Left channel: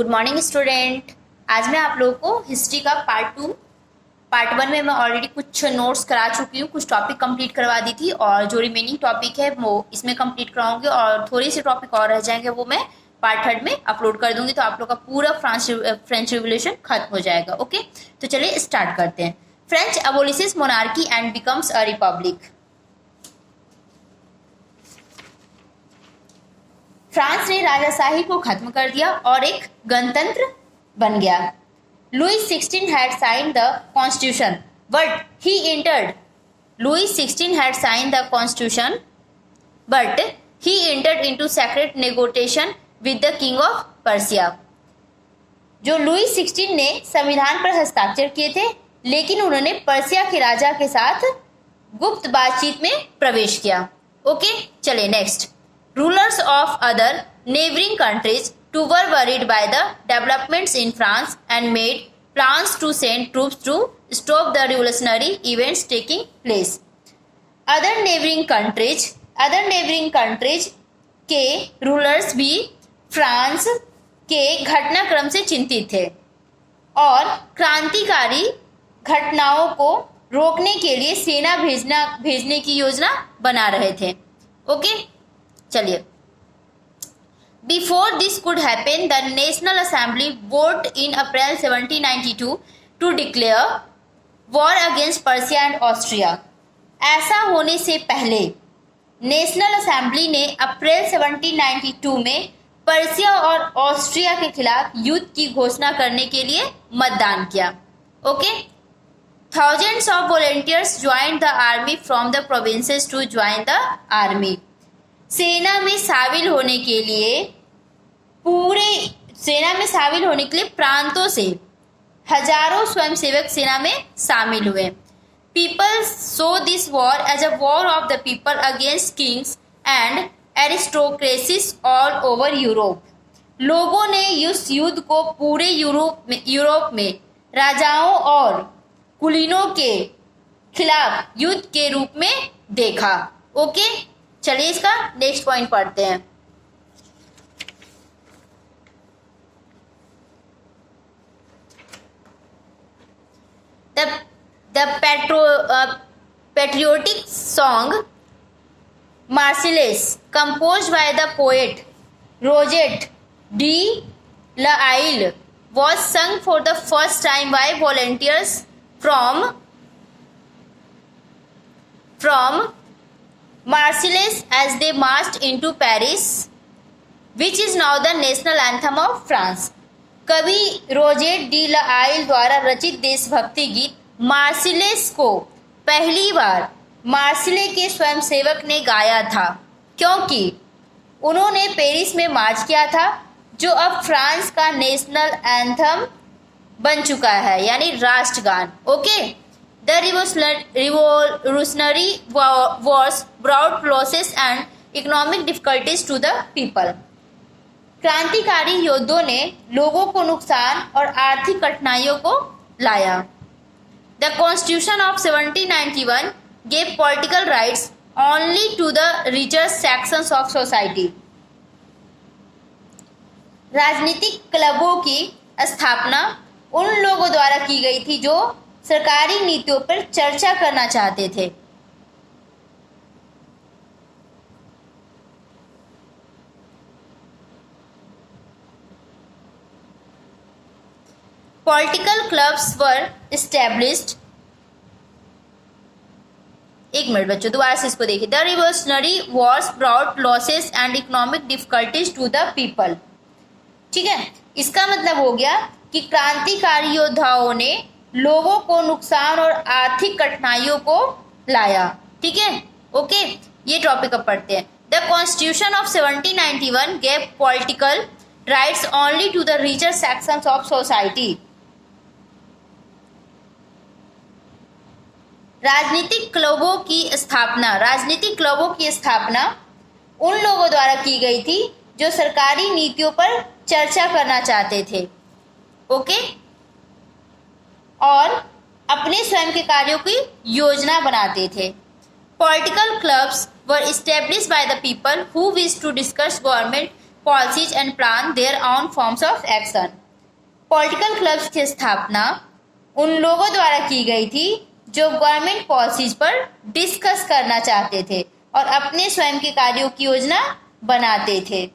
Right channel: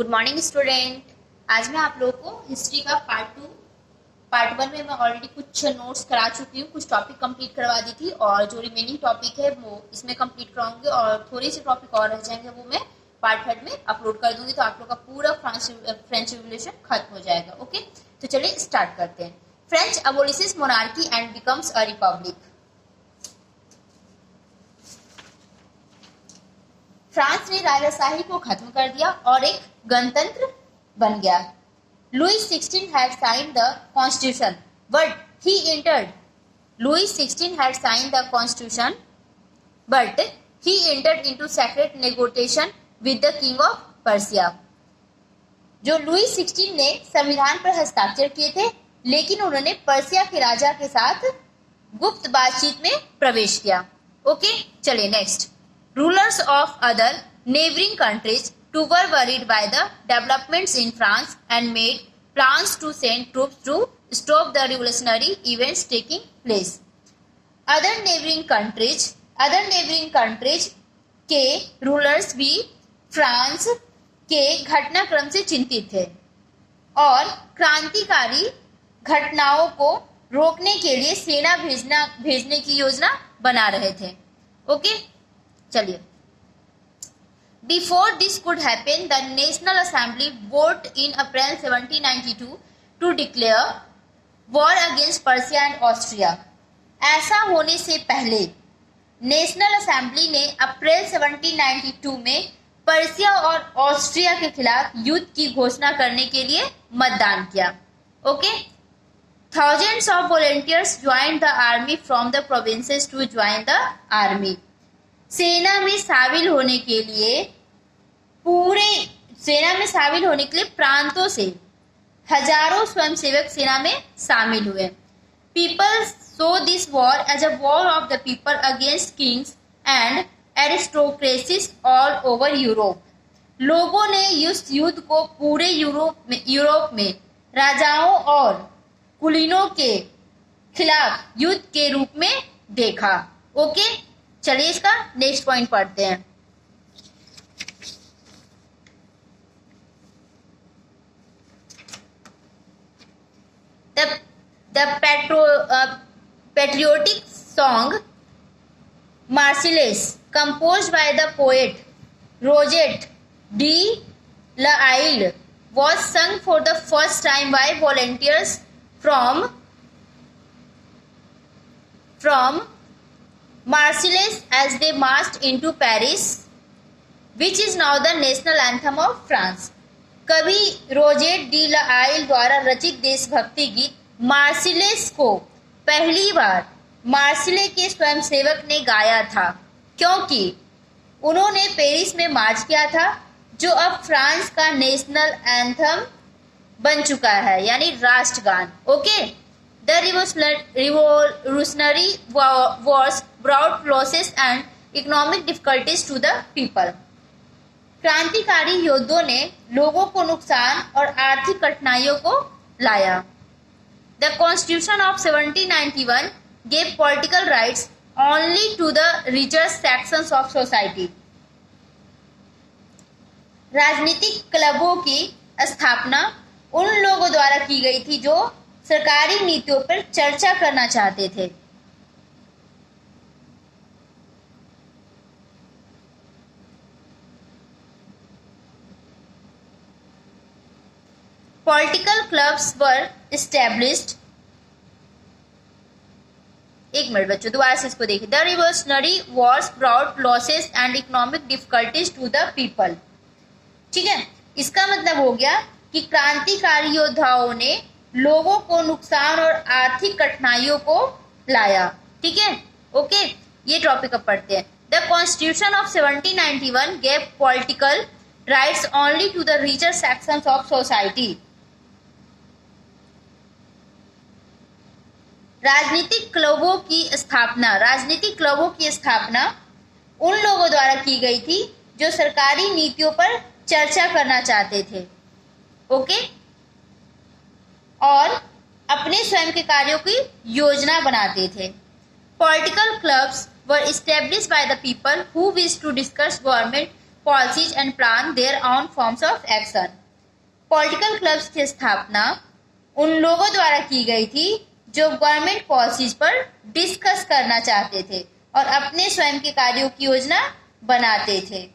Good morning student. आज मैं आप लोगों को हिस्ट्री का पार्ट वन में मैं ऑलरेडी कुछ नोट्स करा चुकी हूँ, कुछ टॉपिक कंप्लीट करवा दी थी और जो रिमेनिंग टॉपिक है वो इसमें कंप्लीट कराऊंगी और थोड़े से टॉपिक और रह जाएंगे, वो मैं पार्ट थर्ड में अपलोड कर दूंगी। तो आप लोग का पूरा फ्रेंच रिवोल्यूशन खत्म हो जाएगा। ओके, तो चलिए स्टार्ट करते हैं। French abolishes monarchy and becomes a republic. France ने राजाशाही को खत्म कर दिया और एक गणतंत्र बन गया। Louis 16 had signed the constitution, but he entered. Louis 16 had signed the constitution, but he entered into secret negotiation with the king of Persia. जो लुई 16 ने संविधान पर हस्ताक्षर किए थे, लेकिन उन्होंने पर्सिया के राजा के साथ गुप्त बातचीत में प्रवेश किया। ओके, चलिए next. Rulers of other neighboring countries too were worried by the developments in France and made plans to send troops to stop the revolutionary events taking place. Other neighboring countries के rulers भी France के घटनाक्रम से चिंतित थे और क्रांतिकारी घटनाओं को रोकने के लिए सेना भेजने की योजना बना रहे थे। ओके, चलिए। Before this could happen the national assembly vote in April 1792 to declare war against Persia and Austria. ऐसा होने से पहले नेशनल असेंबली ने अप्रैल 1792 में पर्सिया और ऑस्ट्रिया के खिलाफ युद्ध की घोषणा करने के लिए मतदान किया। Okay, thousands of volunteers joined the army from the provinces to join the army. सेना में शामिल होने के लिए प्रांतों से हजारों स्वयंसेवक सेना में शामिल हुए। People so this war as a war of the people against kings and aristocracies all over Europe. लोगों ने इस युद्ध को पूरे यूरोप में राजाओं और कुलीनों के खिलाफ युद्ध के रूप में देखा। ओके, चलिए इसका नेक्स्ट पॉइंट पढ़ते हैं। The patriotic song Marseillaise composed by the poet Roget de l'Isle was sung for the first time by volunteers from Marseilles as they marched into Paris, which is now the national anthem of France. कवि rosette D l'Isle द्वारा रचित देशभक्ति गीत मार्सिलेस को पहली बार Marseille के स्वयंसेवक ने गाया था, क्योंकि उन्होंने पेरिस में मार्च किया था, जो अब फ्रांस का नेशनल एंथम बन चुका है, यानी राष्ट्रगान। Okay, The revolutionary wars brought losses and economic difficulties to the people. क्रांतिकारी योद्धाओं ने लोगों को नुकसान और आर्थिक कठिनाइयों को लाया। The Constitution of 1791 gave political rights only to the richer sections of society. राजनीतिक क्लबों की स्थापना उन लोगों द्वारा की गई थी जो सरकारी नीतियों पर चर्चा करना चाहते थे। Political clubs were established. एक मिनट बच्चों, दोबारा से इसको देखिए। The revolutionary wars brought losses and economic difficulties to the people. ठीक है, इसका मतलब हो गया कि क्रांतिकारी योद्धाओं ने लोगों को नुकसान और आर्थिक कठिनाइयों को लाया। ठीक है, ओके, ये टॉपिक अब पढ़ते हैं। The constitution of 1791 gave political rights only to the richer sections of society. राजनीतिक क्लबों की स्थापना उन लोगों द्वारा की गई थी जो सरकारी नीतियों पर चर्चा करना चाहते थे। ओके, और अपने स्वयं के कार्यों की योजना बनाते थे। Political clubs were established by the people who wish to discuss government policies and plan their own forms of action. Political clubs की स्थापना उन लोगों द्वारा की गई थी जो गवर्नमेंट पॉलिसीज पर डिस्कस करना चाहते थे और अपने स्वयं के कार्यों की योजना बनाते थे.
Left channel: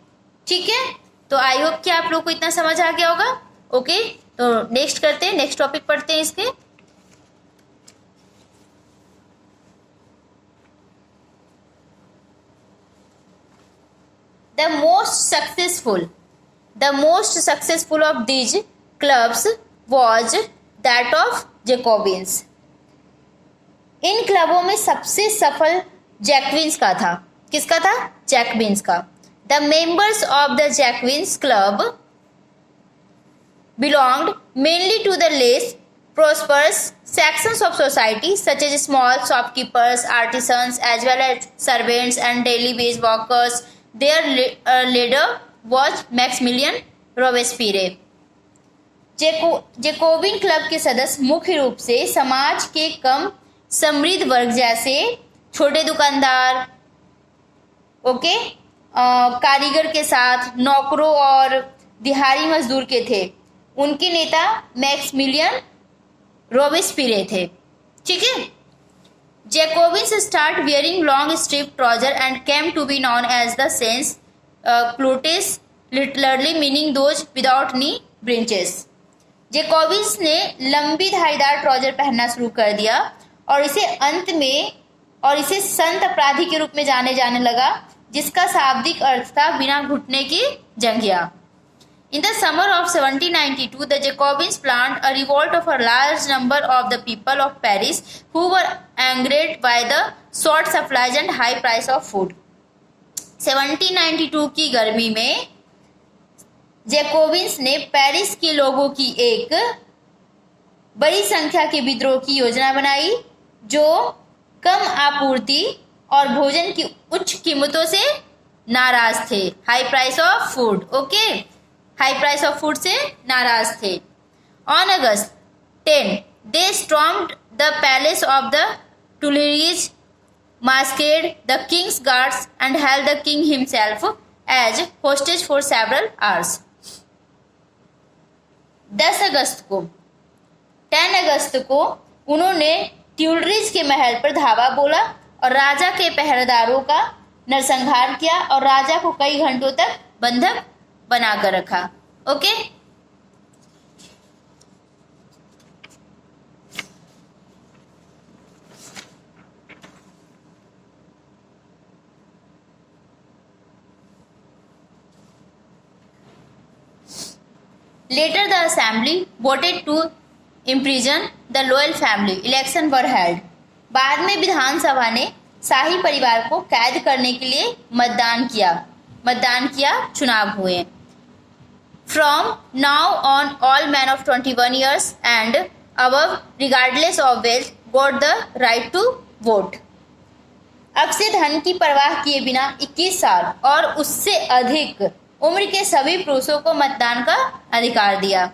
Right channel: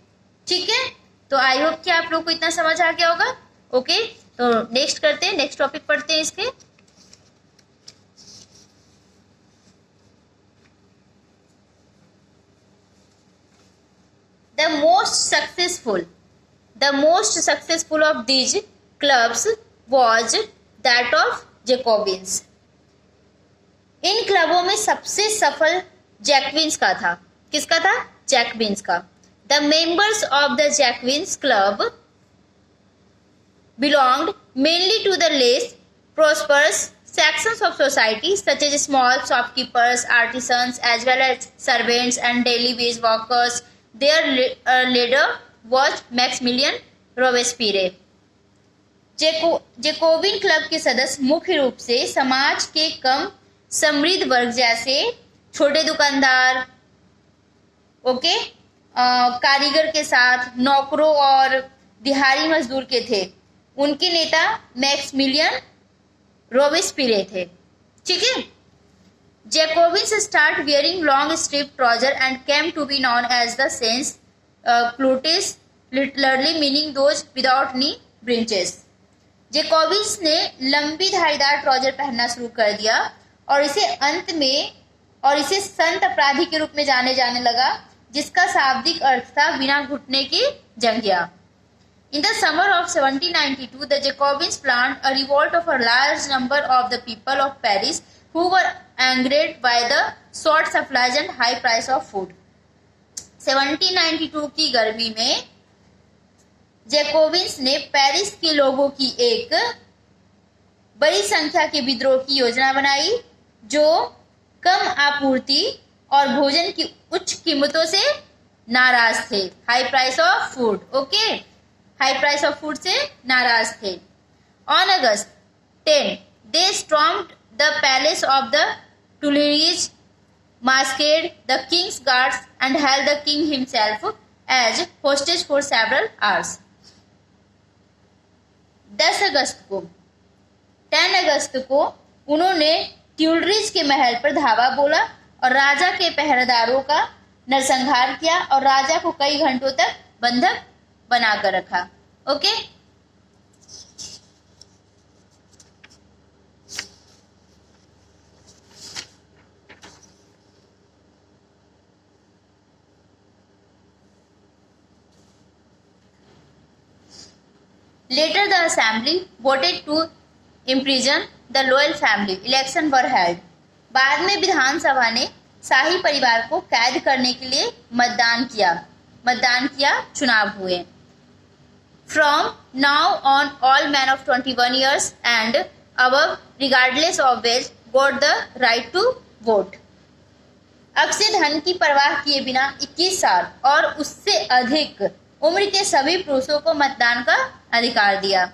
ठीक है, तो आई होप कि आप लोग को इतना समझ आ गया होगा. ओके, तो नेक्स्ट करते हैं, नेक्स्ट टॉपिक पढ़ते हैं इसके. The most successful of these clubs was that of Jacobins. इन क्लबों में सबसे सफल जैकविन्स का था. किसका था? जैकविन्स का. The members of the Jacobins club belonged mainly to the less prosperous sections of society, such as small shopkeepers, artisans, as well as servants and daily wage workers. Their leader was Maximilian Robespierre. Jacobin club के सदस्य मुख्य रूप से समाज के कम समृद्ध वर्ग जैसे छोटे दुकानदार, ओके, कारीगर के साथ नौकरों और दिहाड़ी मजदूर के थे. उनके नेता मैक्सिमिलियन रोबेस्पिरे थे. ठीक है. Jacobins start wearing long striped trousers and came to be known as the sans culottes, literally meaning those without knee breeches. Jacobins ने लंबी धारीदार ट्राउजर पहनना शुरू कर दिया और इसे संत अपराधी के रूप में जाने लगा, जिसका शाब्दिक अर्थ था बिना घुटने की जंघिया. In the summer of 1792, the Jacobins planned a revolt of a large number of the people of Paris who were angered by the short supplies and high price of food. 1792 की गर्मी में जैकोबिन्स ने Paris के लोगों की एक बड़ी संख्या के विद्रोह की योजना बनाई जो कम आपूर्ति और भोजन की उच्च कीमतों से नाराज थे. High price of food, okay, high price of food से नाराज थे. On August 10 they stormed the palace of the Tuileries, masked the king's guards and held the king himself as hostage for several hours. 10 अगस्त को उन्होंने Tuileries के महल पर धावा बोला और राजा के पहरेदारों का नरसंहार किया और राजा को कई घंटों तक बंधक बनाकर रखा. Okay, Later, the assembly voted to imprison the royal family. Election were held. बाद में विधानसभा ने शाही परिवार को कैद करने के लिए मतदान किया, चुनाव हुए. From now on, all men of 21 years and above, regardless of wealth, got the right to vote. अब से धन की परवाह किए बिना 21 साल और उससे अधिक उम्र के सभी पुरुषों को मतदान का अधिकार दिया.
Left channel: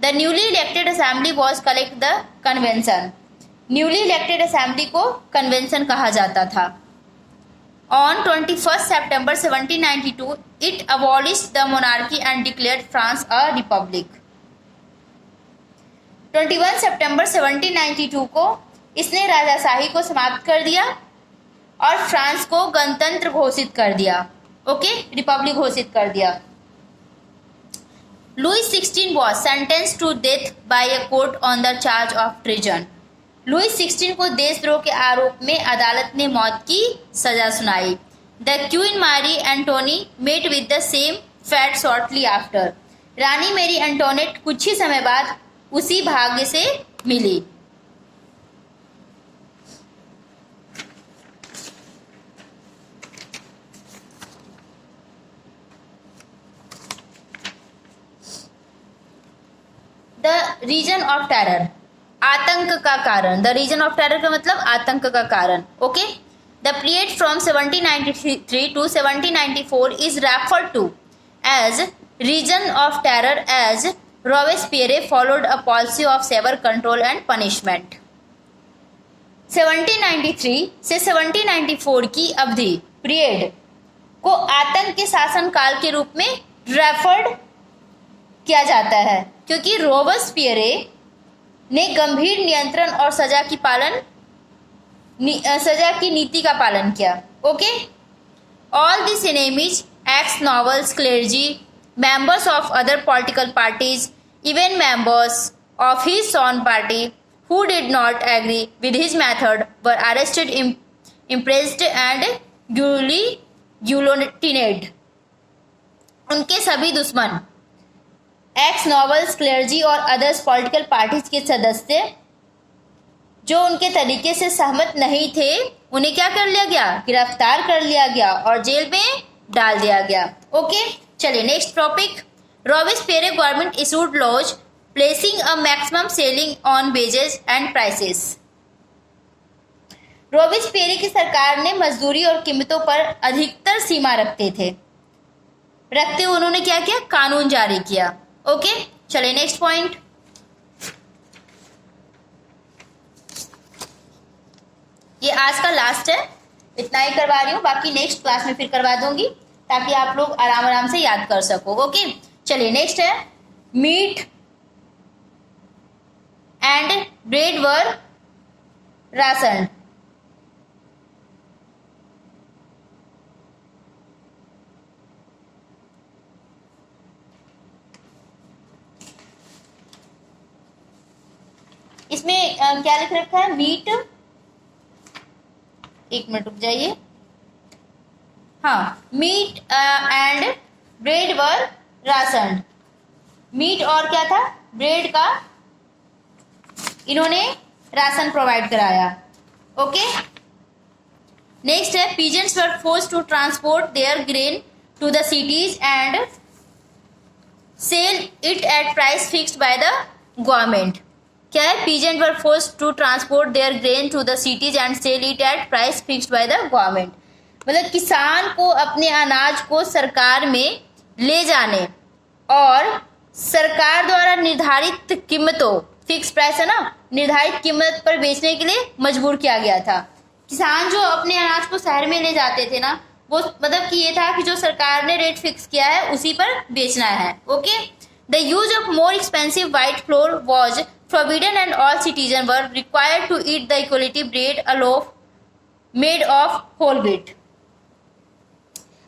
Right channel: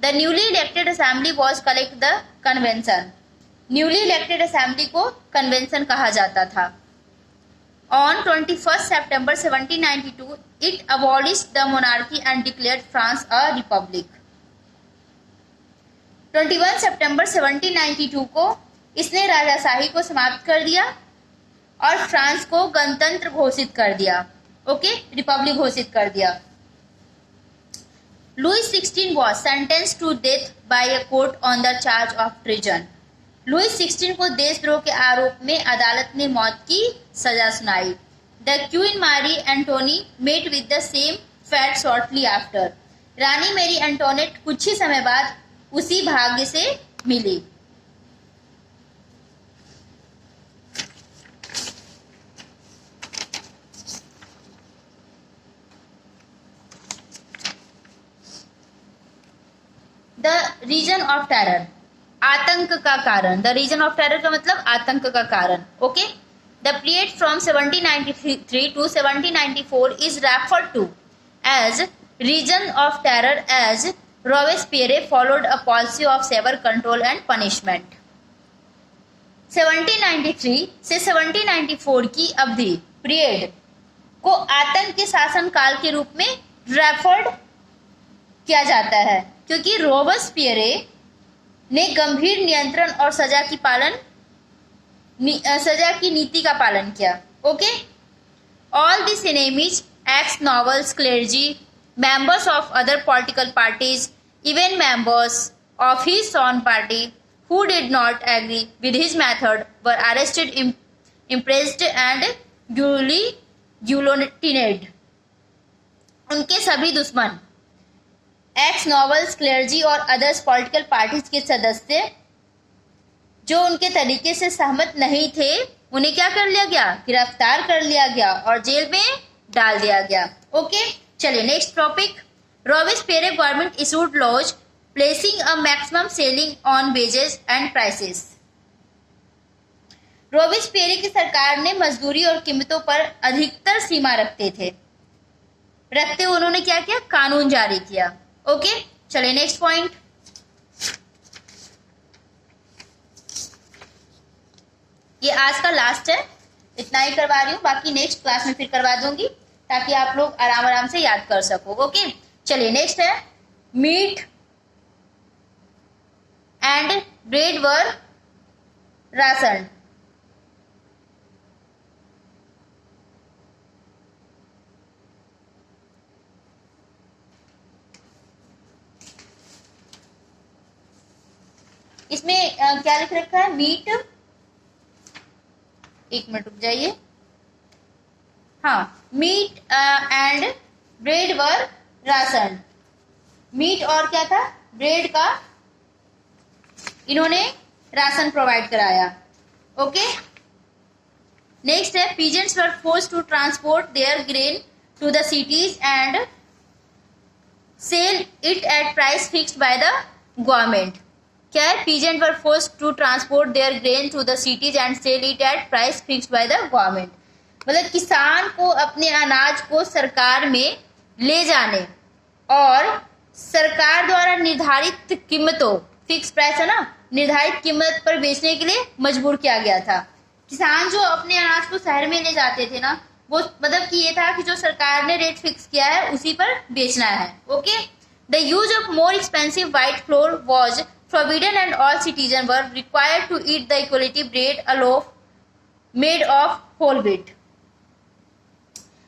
The newly elected assembly was collect the convention. Newly elected assembly को कन्वेंशन कहा जाता था. On 21 September 1792, it abolished the monarchy and declared France a republic. 21 सितंबर 1792 को इसने राजाशाही को समाप्त कर दिया और फ्रांस को गणतंत्र घोषित कर दिया. ओके, रिपब्लिक घोषित कर दिया. Louis 16 was sentenced to death by a court on the charge of treason. Louis 16 को देशद्रोह के आरोप में अदालत ने मौत की सजा सुनाई. The queen Marie Antoinette met with the same fate shortly after. रानी मैरी एंटोनेट कुछ ही समय बाद उसी भाग्य से मिली. द रीजन ऑफ टेरर, आतंक का कारण. द रीजन ऑफ टेरर का मतलब आतंक का कारण. Okay, the period from 1793 to 1794 is referred to as reign of terror as Robespierre followed a policy of severe control and punishment. 1793 से 1794 की अवधि पीरियड को आतंक के शासनकाल के रूप में रेफर्ड किया जाता है, क्योंकि रोबेस्पियरे ने गंभीर नियंत्रण और सजा की नीति का पालन किया। Okay, all this enemies, ex nobles, clergy, members of other political parties, even members of his own party who did not agree with his method were arrested, imprisoned and guillotined. उनके सभी दुश्मन, एक्स नॉवेल्स, क्लेर्जी और others political parties के सदस्य जो उनके तरीके से सहमत नहीं थे, उन्हें क्या कर लिया गया? गिरफ्तार कर लिया गया और जेल में डाल दिया गया। ओके, चलिए next topic. Robespierre government issued laws placing a maximum ceiling on wages and prices. Robespierre की सरकार ने मजदूरी और कीमतों पर अधिकतर सीमा रखते उन्होंने क्या किया? कानून जारी किया। ओके, चलिए नेक्स्ट पॉइंट। ये आज का लास्ट है, इतना ही करवा रही हूँ, बाकी नेक्स्ट क्लास में फिर करवा दूंगी ताकि आप लोग आराम से याद कर सको। ओके, चलिए नेक्स्ट है, meat and bread were ration. इसमें क्या लिख रखा है? मीट, एक मिनट रुक जाइए। हाँ, meat and bread were ration. Meat और क्या था? ब्रेड का इन्होंने राशन प्रोवाइड कराया। ओके, नेक्स्ट है, peasants were forced to transport their grain to the cities and sell it at price fixed by the government. क्या है? Peasant were forced to transport their grain to the cities and sell it at price fixed by the government. मतलब किसान को अपने अनाज को सरकार में ले जाने और सरकार द्वारा निर्धारित कीमतों, फिक्स प्राइस है ना, निर्धारित कीमत पर बेचने के लिए मजबूर किया गया था। किसान जो अपने अनाज को शहर में ले जाते थे ना, वो मतलब कि ये था कि जो सरकार ने रेट फिक्स किया है उसी पर बेचना है। Okay, the use of more expensive white floor was forbidden and all citizens were required to eat the equality bread, a loaf made of whole wheat.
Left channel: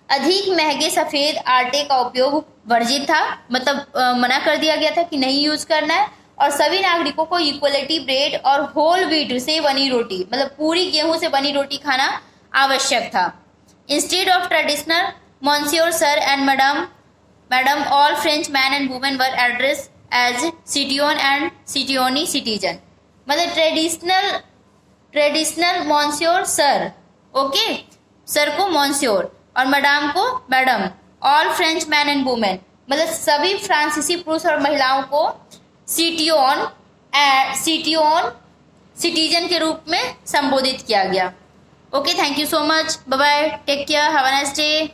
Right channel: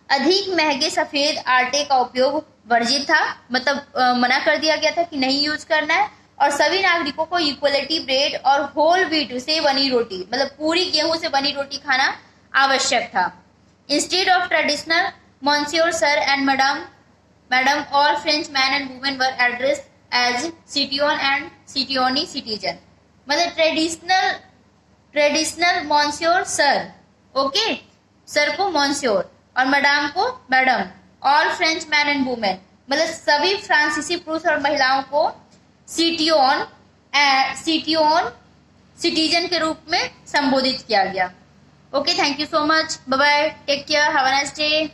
अधिक महंगे सफेद आटे का उपयोग वर्जित था, मतलब मना कर दिया गया था कि नहीं यूज करना है, और सभी नागरिकों को इक्वलिटी ब्रेड और होल व्हीट से बनी रोटी, मतलब पूरी गेहूं से बनी रोटी खाना आवश्यक था। Instead of traditional monsieur sir and madam all French man and women were address as citoyen and citoyenne citizen. मतलब traditional monsieur sir, okay, sir को मॉन्सियोर और मैडम को madam, all French man and women, मतलब सभी फ्रांसीसी पुरुष और महिलाओं को सिटियोन सिटीजन के रूप में संबोधित किया गया। Okay, thank you so much, bye bye, take care, have a nice day.